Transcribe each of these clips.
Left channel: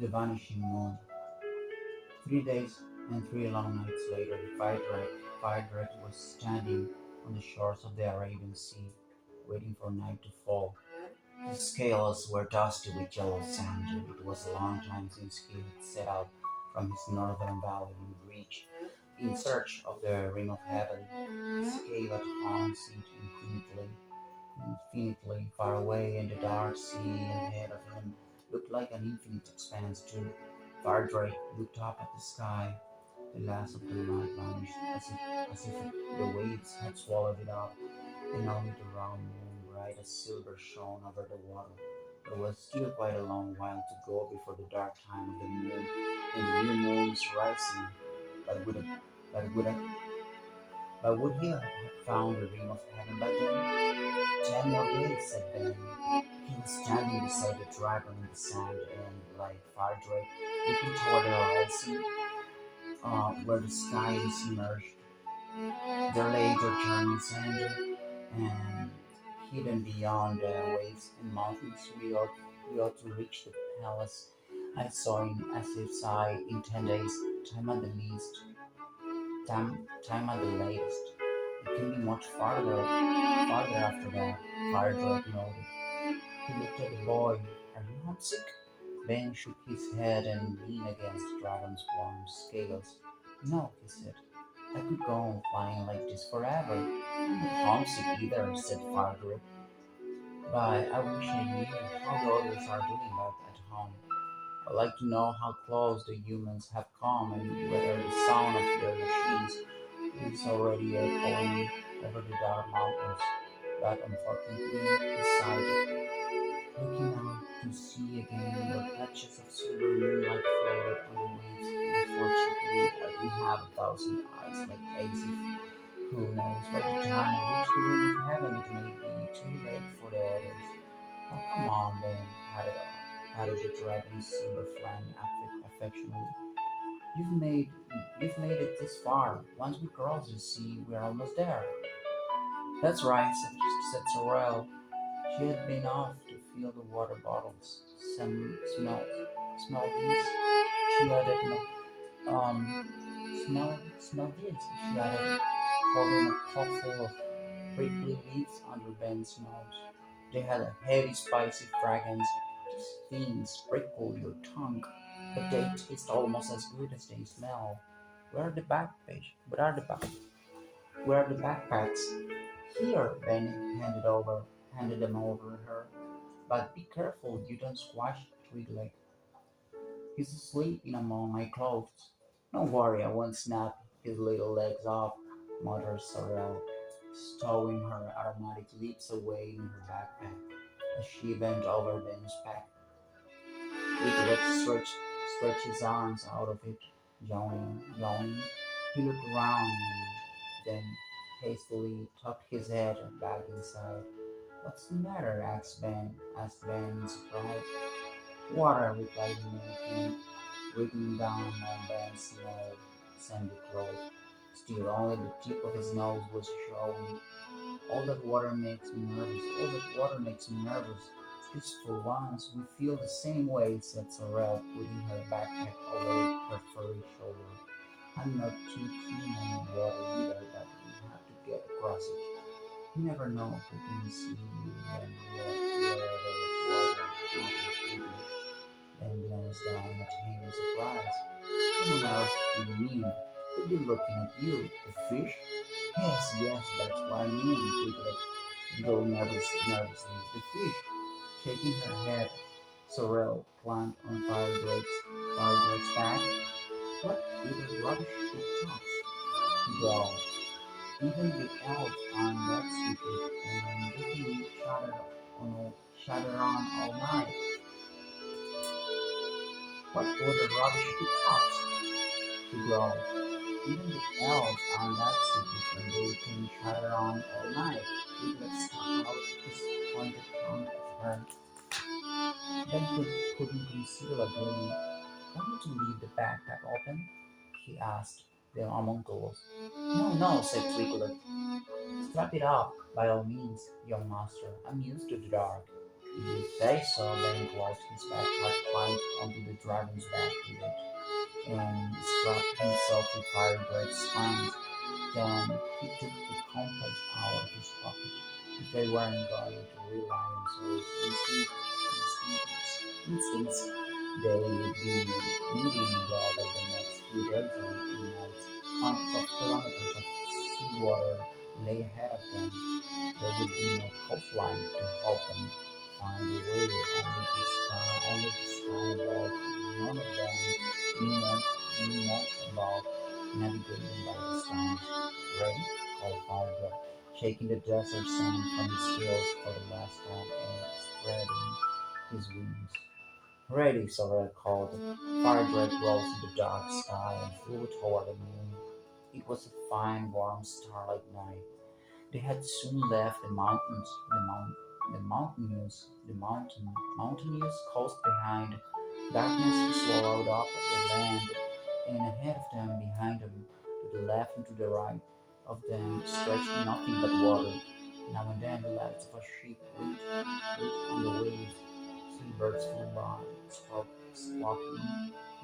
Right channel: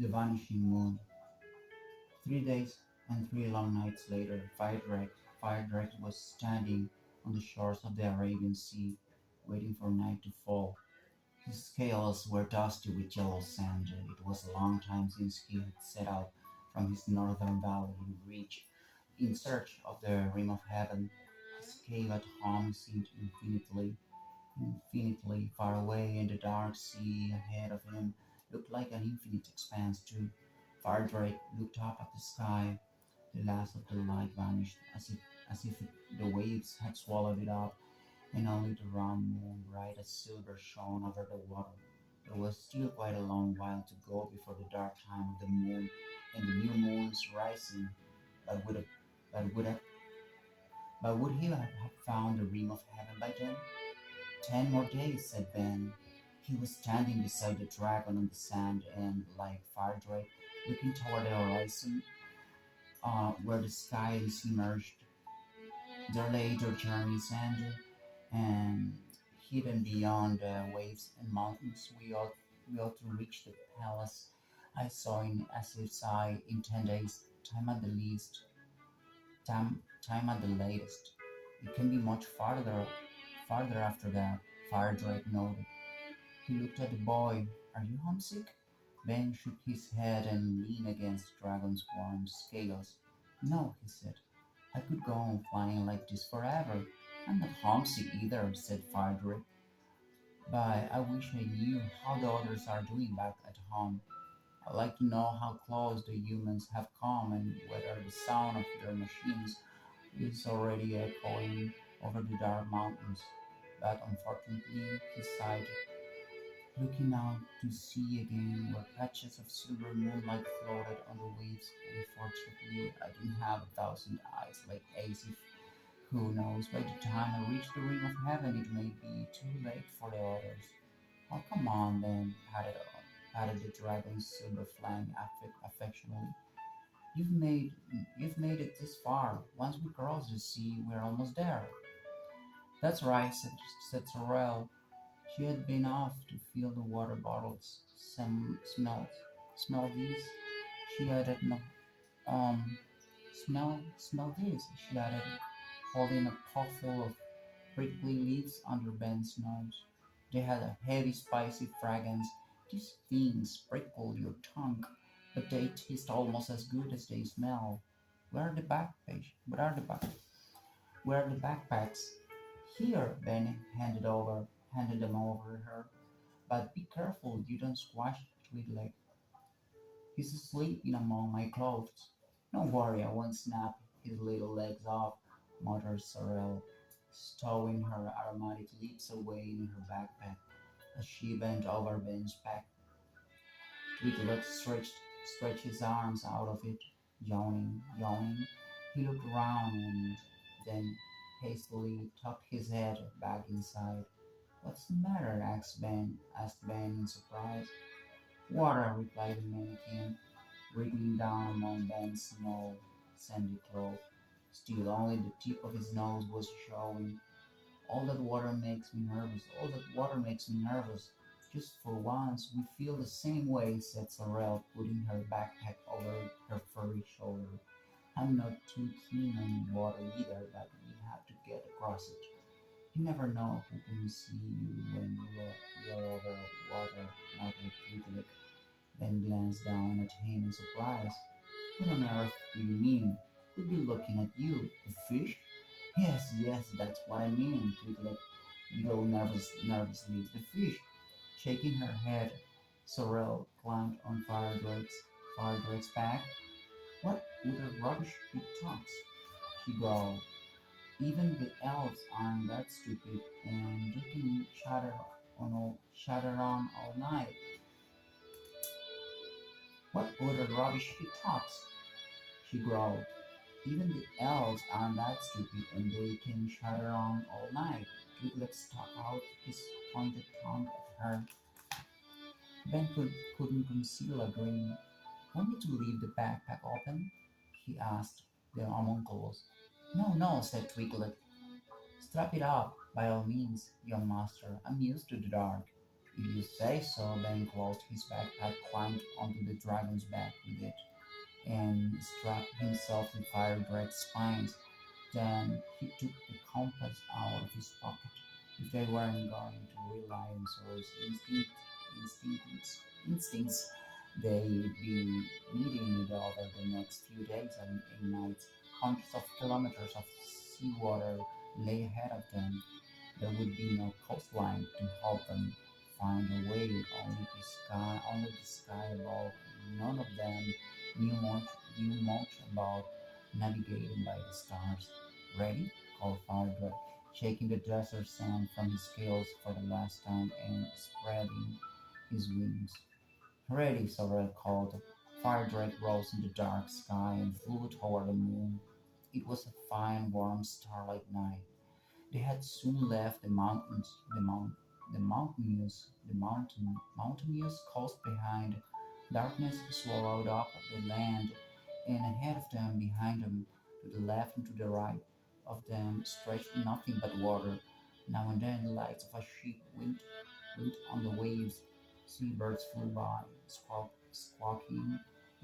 The Vanishing Moon. 3 days and 3 long nights later, the fire dragon was standing on the shores of the Arabian Sea, waiting for night to fall. His scales were dusty with yellow sand. It was a long time since he had set out from his northern valley in search of the rim of heaven. His cave at home seemed infinitely far away, and the dark sea ahead of him looked like an infinite expanse too. Fardrake looked up at the sky. The last of the light vanished, as if the waves had swallowed it up, and only the round moon, bright as silver, shone over the water. There was still quite a long while to go before the dark time of the moon and the new moon's rising. But would, a, but would, a, but would he have found the rim of heaven by then? 10 more days, said Ben. He was standing beside the dragon in the sand and, like Fardrake, looking toward the horizon, where the sky and sea merged. Their later journey's end, and hidden beyond the waves and mountains, we ought to reach the palace I saw in Asif's eye in 10 days, time at the least, time at the latest. It can be much farther after that. Firedrake nodded. He looked at the boy. Are you homesick? Ben shook his head and leaned against the dragon's warm scales. No, he said. I could go on flying like this forever. I'm not homesick either, said Firedrake. But I wish I knew how the others are doing back at home. I'd like to know how close the humans have come and whether the sound of their machines is already echoing over the dark mountains. But unfortunately, he sighed, looking out to sea again where patches of silver moonlight floated on the waves. Unfortunately, I don't have 1,000 eyes like Asif. Who knows, by the time I reach the rim of heaven, it may be too late for the others. Oh, come on, then, patted the dragon's silver flank affectionately. You've made, you've made it this far. Once we cross the sea, we're almost there. That's right, said Sorrel. She had been off to fill the water bottles. Some smell these. She added, no, um, smell this. She added, holding a pot full of prickly leaves under Ben's nose. They had a heavy, spicy fragrance. These things prickle your tongue, but they taste almost as good as they smell. Where are the backpage? Where are the backpacks? Here, Ben handed them over her. But be careful you don't squash Twiglet. He's asleep in among my clothes. Don't worry, I won't snap his little legs off, muttered Sorrel, stowing her aromatic lips away in her backpack. As she bent over Ben's pack, Twiglet stretched his arms out of it, yawning. He looked around and then hastily tucked his head back inside. What's the matter? Asked Ben in surprise. Water, replied the mannequin, wriggling down among Ben's small, sandy clothes. Still, only the tip of his nose was showing. All that water makes me nervous. All that water makes me nervous. Just for once, we feel the same way, said Sorrel, putting her backpack over her furry shoulder. I'm not too keen on water either, but we have to get across it. You never know who can see you when you're over water, muttered Twiglet, then glanced down at him in surprise. What on earth do you mean? Could be looking at you. The fish? Yes, that's what I mean, Twiglet giggled nervously. The fish. Shaking her head, Sorrel climbed on Firedrake's back. What utter rubbish he talks, he growled. Even the elves aren't that stupid, and they can chatter on all night. What utter rubbish he talks, she growled. Even the elves aren't that stupid, and they can chatter on all night. Piglet stuck out his pointed tongue at her. Ben couldn't conceal a grin. Want me to leave the backpack open? He asked the homunculus. No, said Twiglet. Strap it up, by all means, young master. I'm used to the dark. If you say so, Ben closed his backpack, climbed onto the dragon's back with it, and strapped himself to Fire Drake's spines. Then he took the compass out of his pocket. If they weren't going to rely on Sora's instincts, they would be needing it over the next few days and nights. Hundreds of kilometers of seawater lay ahead of them. There would be no coastline to help them find a way, only the sky above. None of them knew much about navigating by the stars. Ready? Called Farder, shaking the desert sand from his scales for the last time and spreading his wings. Ready, Sorrel called. Firedrake rose in the dark sky and flew toward the moon. It was a fine, warm, starlight night. They had soon left the mountainous coast behind. Darkness swallowed up the land, and ahead of them, behind them, to the left and to the right of them, stretched nothing but water. Now and then, the lights of a ship winked on the waves. Seabirds flew by, squawking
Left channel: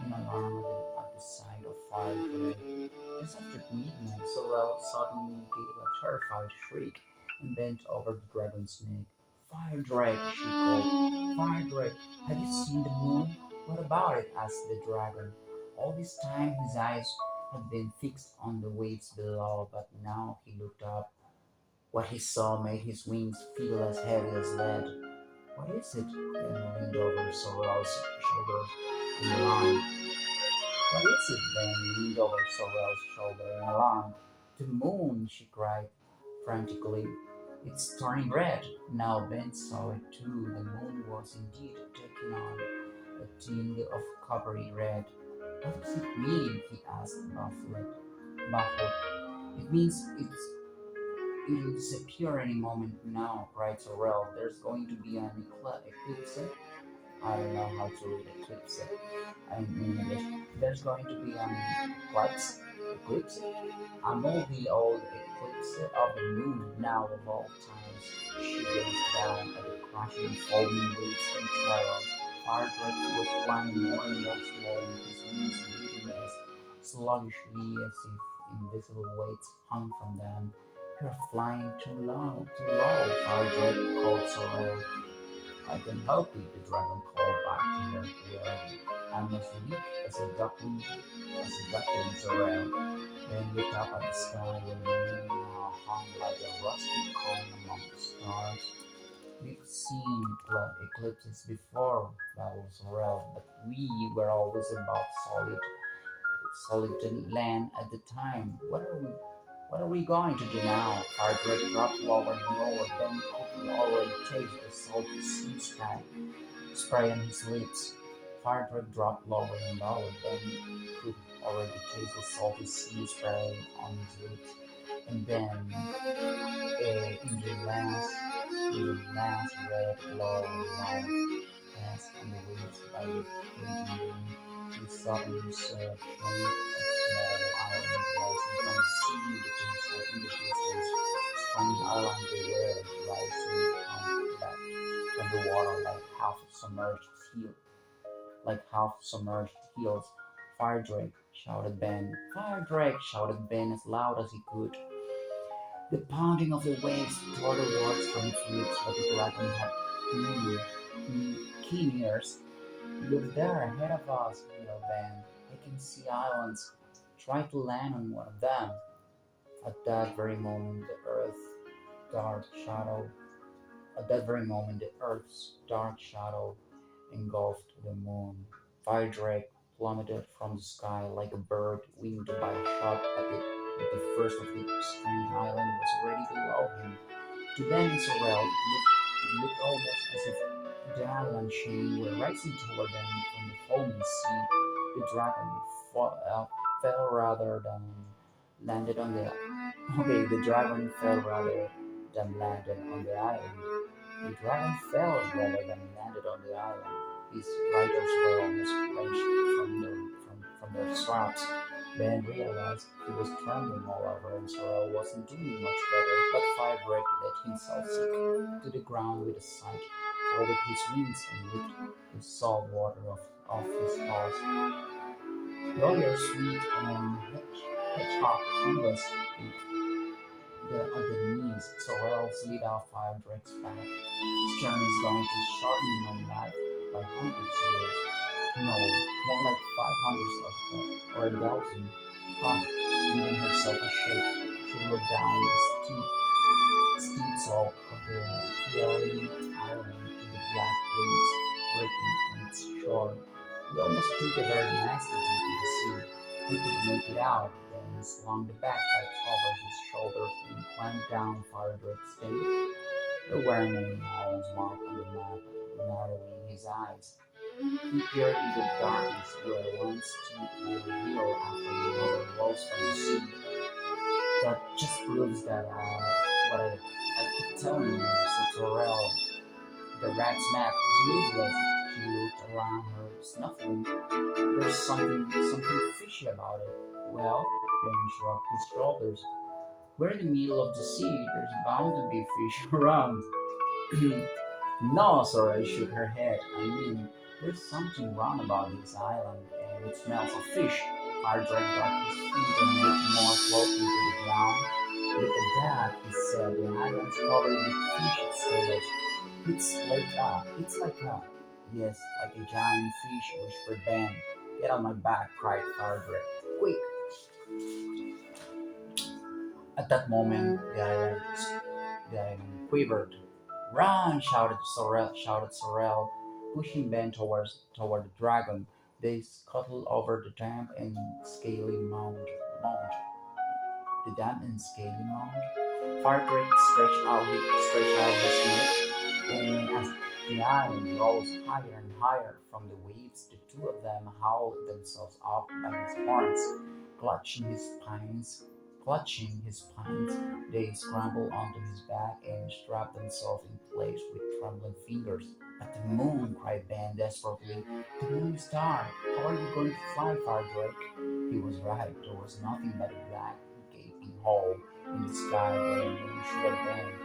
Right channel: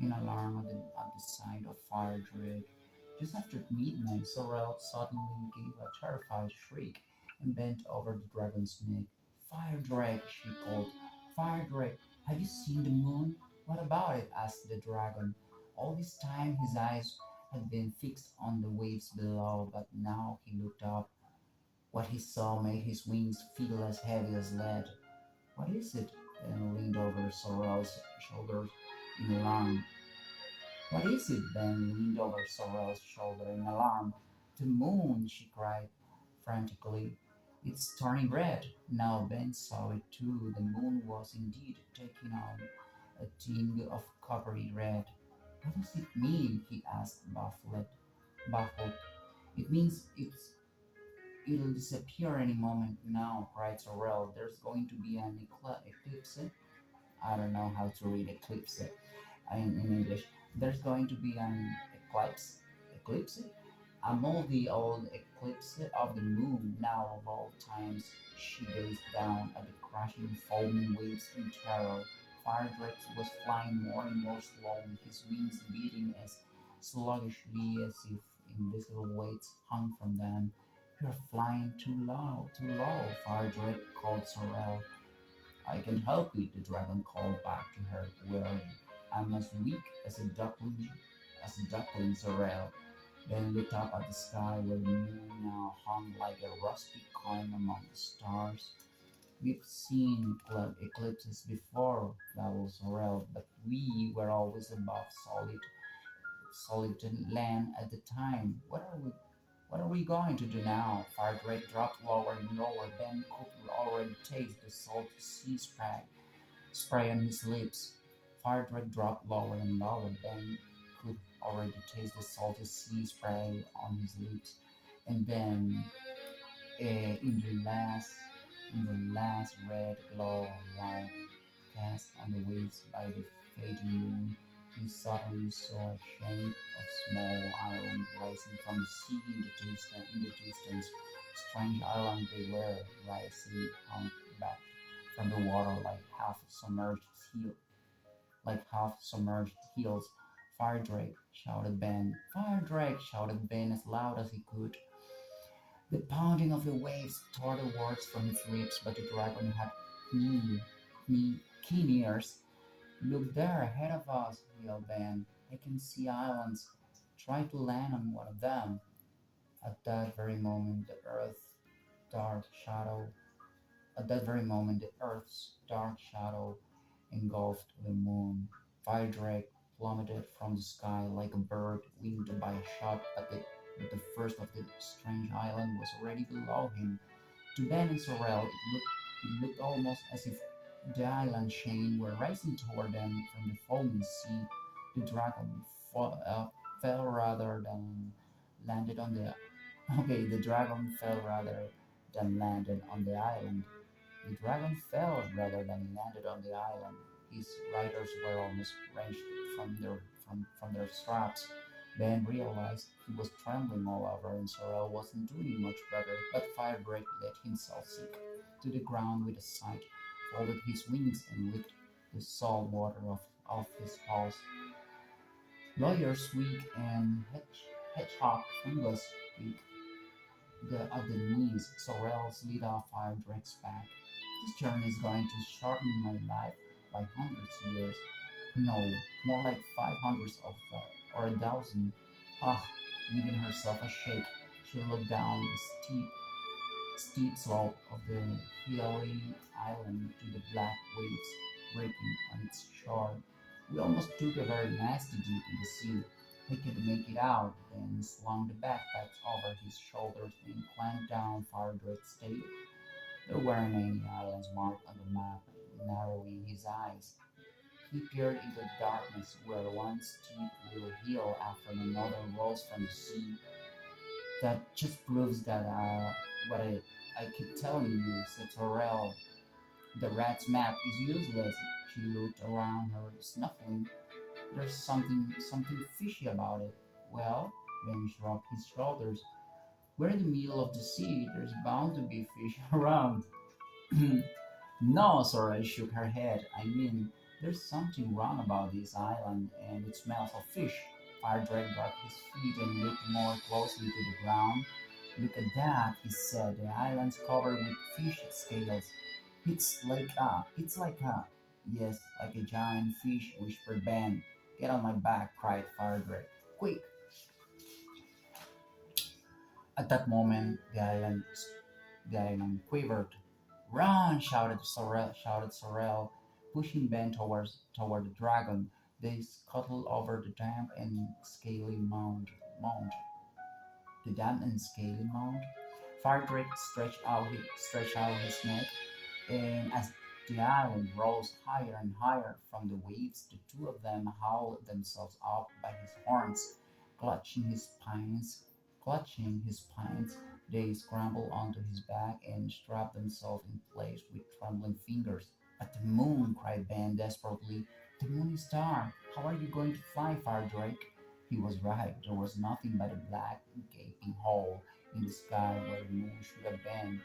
in alarm at the sight of Fire Drake. Just after midnight, Sorrel suddenly gave a terrified shriek and bent over the dragon's neck. Fire Drake, she called. Fire Drake, have you seen the moon? What about it? Asked the dragon. All this time his eyes had been fixed on the waves below, but now he looked up. What he saw made his wings feel as heavy as lead. What is it? Ben leaned over Sorrel's shoulders in alarm. What is it? Ben leaned over Sorrel's shoulder in alarm. The moon, she cried frantically. It's turning red. Now Ben saw it too. The moon was indeed taking on a tinge of coppery red. What does it mean? He asked, baffled. It means it'll disappear any moment now, cried Sorrel. There's going to be an eclipse. I don't know how to read eclipse in English. There's going to be an eclipse, a moldy old eclipse of the moon. Now of all times, she gazed down at the crashing, foaming waves in terror. Firedrake was flying more and more slowly, his wings beating as sluggishly as if invisible weights hung from them. You're flying too low, Firedrake called Sorrel. I can help it, the dragon called back to her, where I'm as weak as a duckling Sorrel. Then looked up at the sky where the moon now hung like a rusty coin among the stars. We've seen eclipses before, babbled Sorrel, but we were always above solid land at the time. What are we going to do now? Hardrake dropped lower and lower, then could already taste the salty sea spray on his lips. Firedrake dropped lower and lower, then could already taste the salty sea spray on his lips. And then, in the last red glow light cast on the waves by the fading moon, he suddenly saw a shape of small island rising from the sea in the distance. Strange island they were, rising back from the water like half submerged hills. Fire Drake, shouted Ben. Fire Drake, shouted Ben as loud as he could. The pounding of the waves tore the words from his lips, but the dragon had keen ears. Look there, ahead of us, yelled Ben. I can see islands. Try to land on one of them. At that very moment, dark shadow the Earth's dark shadow engulfed the moon. Fire Drake plummeted from the sky like a bird winged by a shot, but the first of the strange island was already below him. To Ben and Sorrel, it looked almost as if the island chain were rising toward them from the foaming sea. The dragon fell rather than landed on the. Okay, the dragon fell rather than landed on the island. The dragon fell rather than landed on the island. His riders were almost wrenched from their straps. Ben realized he was trembling all over and Sorrel wasn't doing much better, but Firebreak let himself sink to the ground with a sigh. folded his wings and licked the salt water off his paws. Lawyer Sweet and Hedgehog fungus ate at the knees. Sorrel slid off Fire Drake's back. This journey is going to shorten my life by hundreds of years. No, more like 500 of or a thousand. Ah, giving herself a shake, she looked down the steep slope of the hilly island to the black waves breaking on its shore. We almost took a very nasty dip in the sea. We could make it out, then slung the backpacks over his shoulders and climbed down Firedrake's State. There weren't any islands marked on the map, narrowing his eyes. He peered into the darkness where one steep little hill after another rose from the sea. That just proves that what I keep telling you, said Sorrel. The rat's map is useless. She looked around her, snuffling. There's something fishy about it. Well, Ben shrugged his shoulders. We're in the middle of the sea. There's bound to be fish around. No, Sorrel shook her head. I mean, there's something wrong about this island, and it smells of fish. Firedrake got his feet and looked more closely to the ground. Look at that, he said. The island's covered with fish scales. Yes, like a giant fish, whispered Ben. Get on my back, cried Firedrake. Quick! At that moment, the island quivered. Run! Shouted Sorrel, pushing Ben toward the dragon. They scuttled over the damp and scaly mound. The damp and scaly mound. Firedrake stretched out his neck, and as the island rose higher and higher from the waves, the two of them hauled themselves up by his horns, clutching his spines. Clutching his spines, they scrambled onto his back and strapped themselves in place with trembling fingers. But the moon, cried Ben desperately. The moon is dark. How are you going to fly, Firedrake? He was right. There was nothing but a black, gaping hole in the sky where the moon should have been.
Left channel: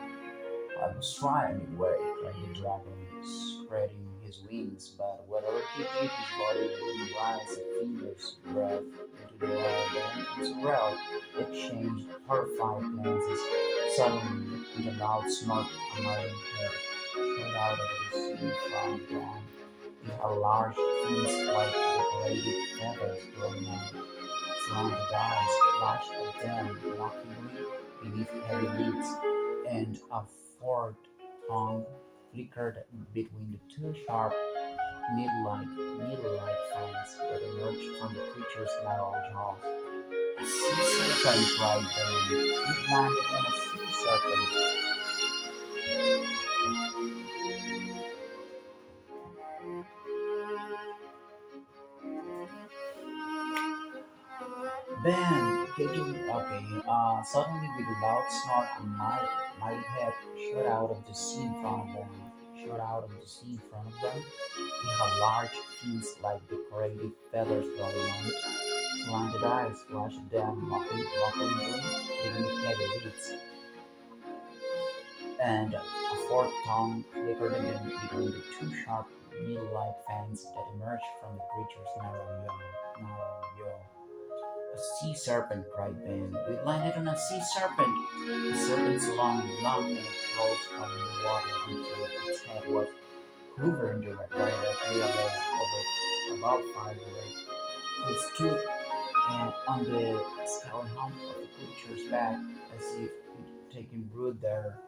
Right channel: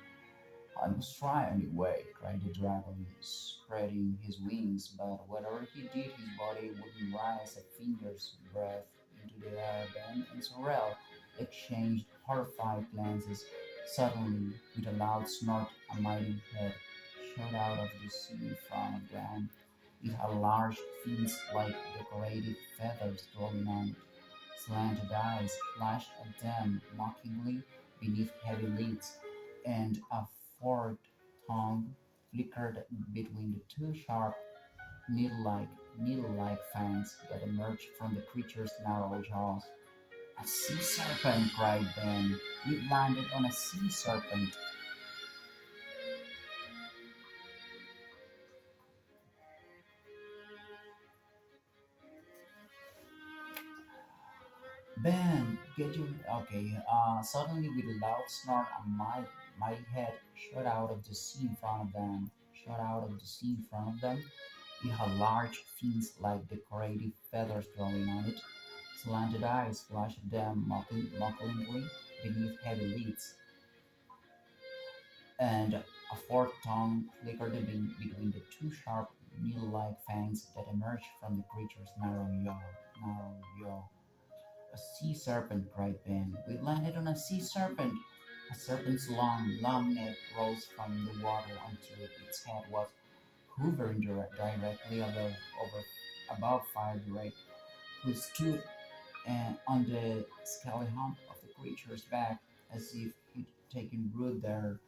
I must try anyway, cried the dragon, spreading his wings, but whatever he did, his body wouldn't rise a finger's breadth into the air. Ben and Sorrel exchanged horrified glances. Suddenly, with a loud snort, a mighty head shot out of the sea in front of them. It had large fins like decorated feathers growing on slanted eyes flashed at them mockingly beneath heavy lids, and a forked tongue flickered between the two sharp, needle-like, needle-like fangs that emerged from the creature's narrow jaws. A sea serpent, cried Ben. We landed on a sea serpent. Ben, get your okay. Suddenly, with a loud snort, a mighty head shot out of the sea in front of them. Shot out of the sea in front of them. It had large fins like decorative feathers growing on it. Slanted eyes flashed at them mockingly beneath heavy lids, and a forked tongue flickered between the two sharp, needle-like fangs that emerged from the creature's narrow jaw. Narrow jaw. A sea serpent, cried Ben. We landed on a sea serpent. The serpent's long neck rose from the water until its head was hovering directly above Firedrake, who stood on the scaly hump of the creature's back as if he'd taken root there.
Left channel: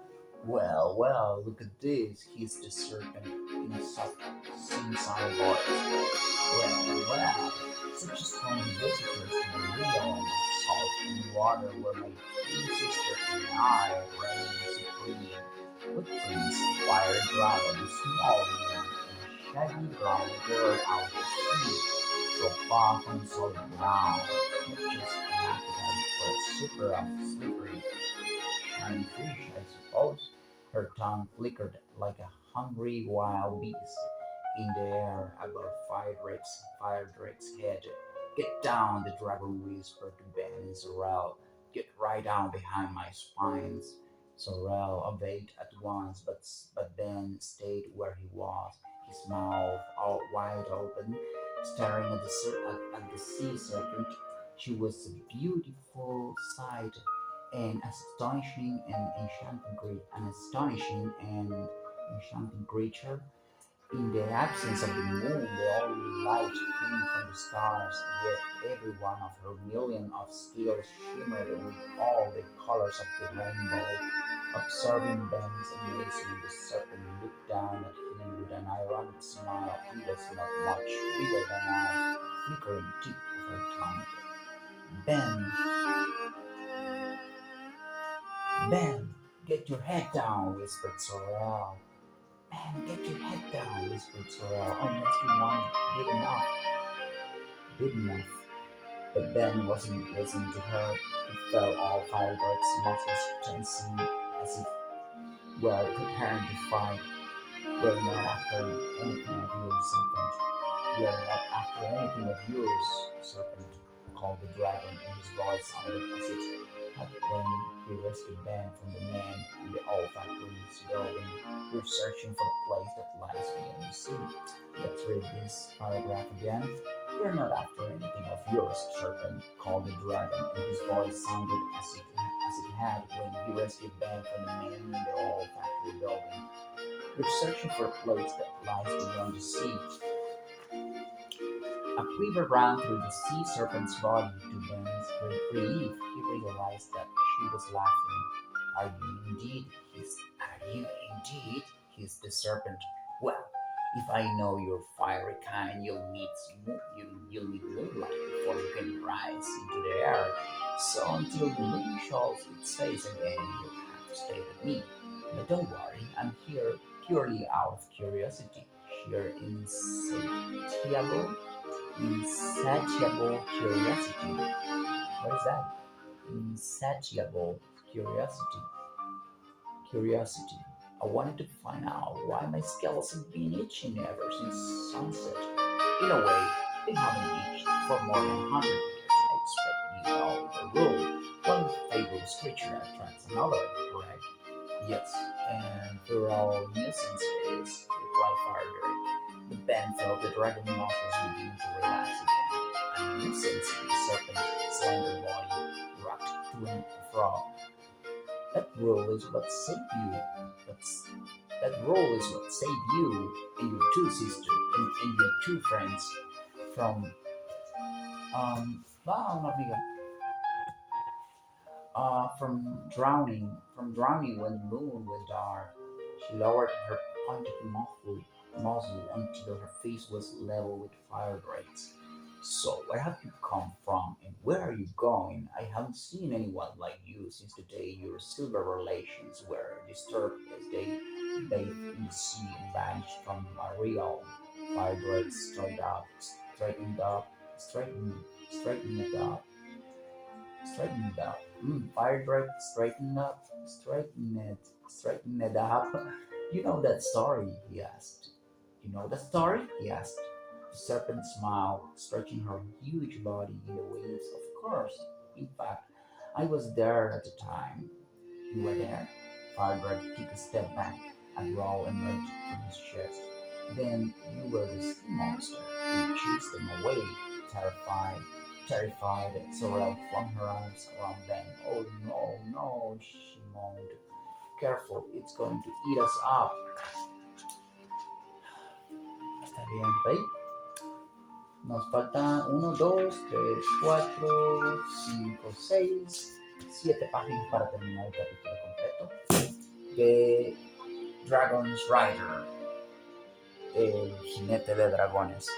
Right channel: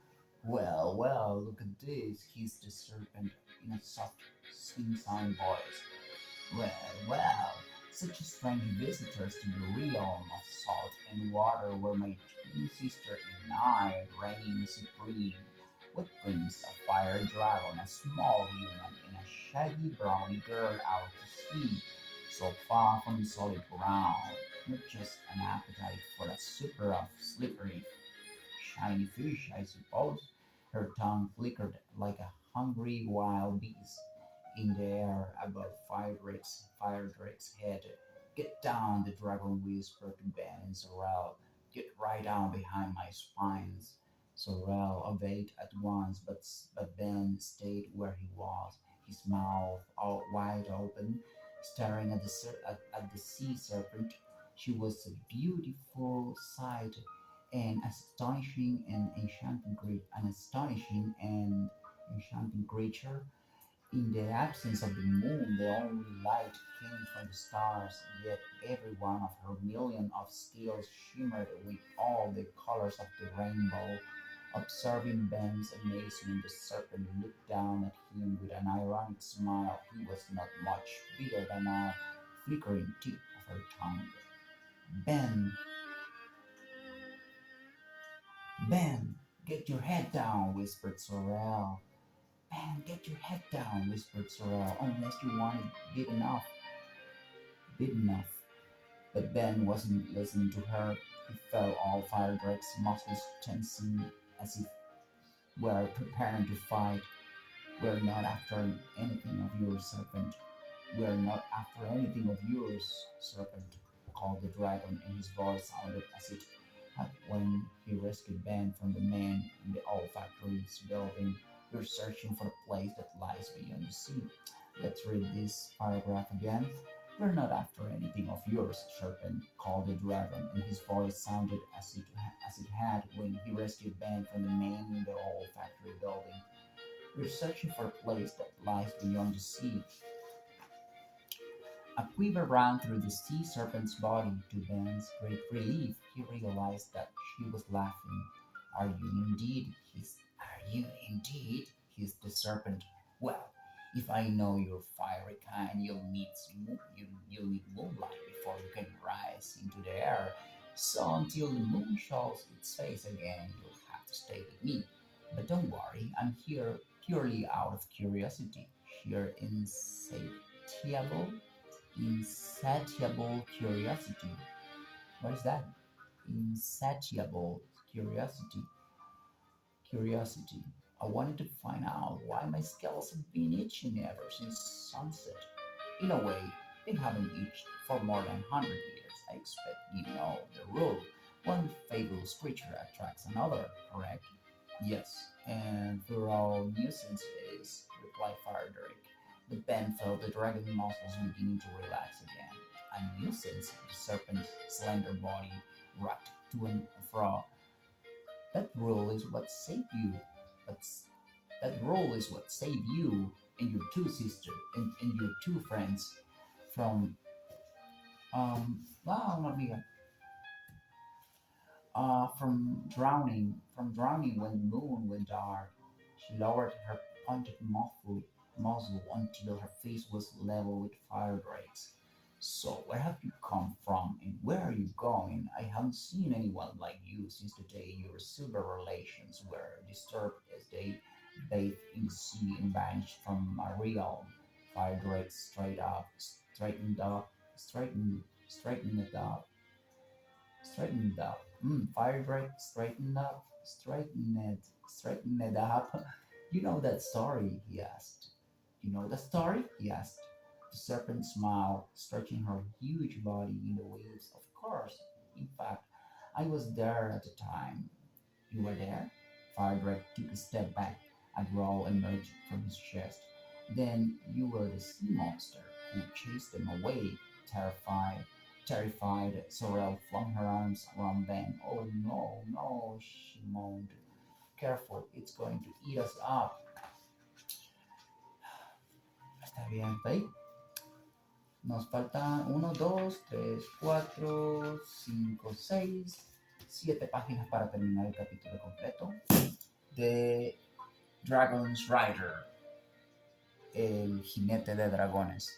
Well, well, look at this, hissed the serpent in a soft, sing-song voice. Well, such strange visitors to the realm of salt and water where my twin sister and I reign supreme. What brings a fire dragon, a small human, and a shaggy brown girl out to sea, so far from solid ground? Not just an appetite for a super of slippery, shiny fish, I suppose. Her tongue flickered like a hungry wild beast in the air above Firedrake's head. Get down, the dragon whispered to Ben and Sorrel. Get right down behind my spines. Sorrel obeyed at once, but Ben stayed where he was, his mouth all wide open, staring at at the sea serpent. She was a beautiful sight, an astonishing and enchanting creature. In the absence of the moon, the only light came from the stars, yet every one of her million of stars shimmered with all the colors of the rainbow. Observing Ben's amazement, the serpent looked down at him with an ironic smile. He was not much bigger than a flickering tip of her tongue. Ben, Ben, get your head down, whispered Sorrel. Ben, get your head down, whispered Sorrel, unless you want it big enough. But Ben wasn't listening to her. He felt all Firedrake's muscles tensing as if were preparing to fight. We're not after anything of yours, serpent. We are not after anything of yours, serpent, called the dragon, and his voice sounded as it had when he rescued Ben from the man in the old factory's building. We're searching for the place that lies beyond the sea. Let's read this paragraph again. We're not after anything of yours, serpent, called the dragon, and his voice sounded as it had when he rescued Ben from the man in the old factory building. We're searching for a place that lies beyond the sea. A quiver ran through the sea serpent's body. To Ben's great relief, he realized that she was laughing. Are you indeed? Are you indeed? Hissed the serpent. Well, if I know your fiery kind, you'll need moonlight before you can rise into the air. So until the moon shows its face again, you'll have to stay with me. But don't worry, I'm here purely out of curiosity, sheer insatiable curiosity. What is that? Insatiable curiosity. Curiosity. I wanted to find out why my scales have been itching ever since sunset. In a way, they haven't itched for more than 100 years. I expect you know the rule. One fabulous creature attracts another, correct? Yes, and for all nuisance it is, replied Faraday. But Ben felt the dragon muscles begin to relax again. A nuisance, the serpent's slender body rocked to and fro. That rule is what saved you. That's, that rule is what saved you and your two sisters and your two friends from no, amiga, from drowning when the moon went dark. She lowered her pointed muzzle until her face was level with Firedrake's. So, where have you come from and where are you going? I haven't seen anyone like you since the day your silver relations were disturbed as they bathed in the sea and vanished from my realm. Firedrake straightened, straightened it up, straighten it up. Fire Drake, straighten it up. You know that story? He asked. You know the story? He asked. The serpent smiled, stretching her huge body in the waves. Of course. In fact, I was there at the time. You were there? Fire Drake took a step back. A growl emerged from his chest. Then you were the sea monster. You chased them away, terrified. Terrified, Sorrel flung her arms around Ben. Oh no, no, she moaned. Careful, it's going to eat us up. Está bien, ¿ok? Nos faltan 1, 2, 3, 4, 5, 6, 7 páginas para terminar el capítulo completo de Dragon's Rider, el jinete de dragones.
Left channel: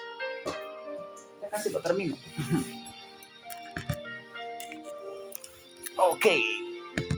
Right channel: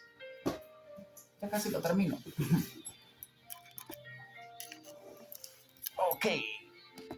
Ya casi lo termino. Ok,